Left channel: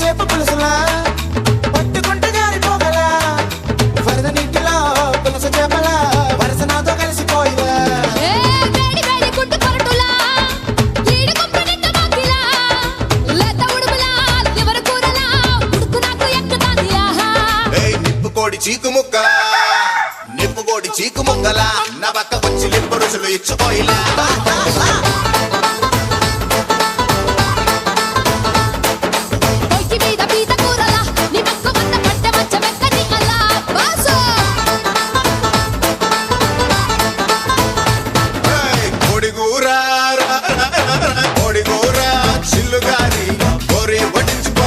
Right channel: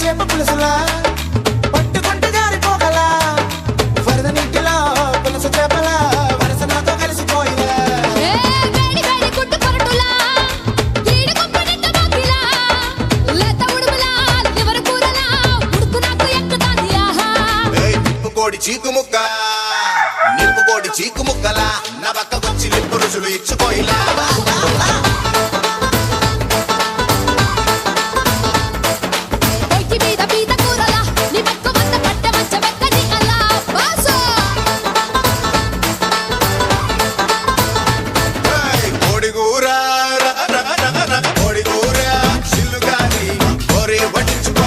చేప పులుసులా పట్టుకుంటే జారిపోగలా వరద నీటిలో పులుసు చేపలా వరస నాతో కలిసిపోయిలా వేడి వేడి గుడ్డు పొరటులా ఈడు గుంపనిట్ట మాకిలా లేత ఉడుములా లివర్ కూరలా ఉడుకు నాకు ఎక్కుతాంది ఆహా నిప్పుకోడి చీకు ముక్కలా నా పక్కకొచ్చి లిప్పు రుసులు ఇచ్చుకోయిలా పొయ్యి మీద పీత కూరలా నీ మక్కు వంద పట్టె మంచం ఎక్కని అలా బాసో కోడిగూర చిల్లుగారి గోరే వడ్డించుకో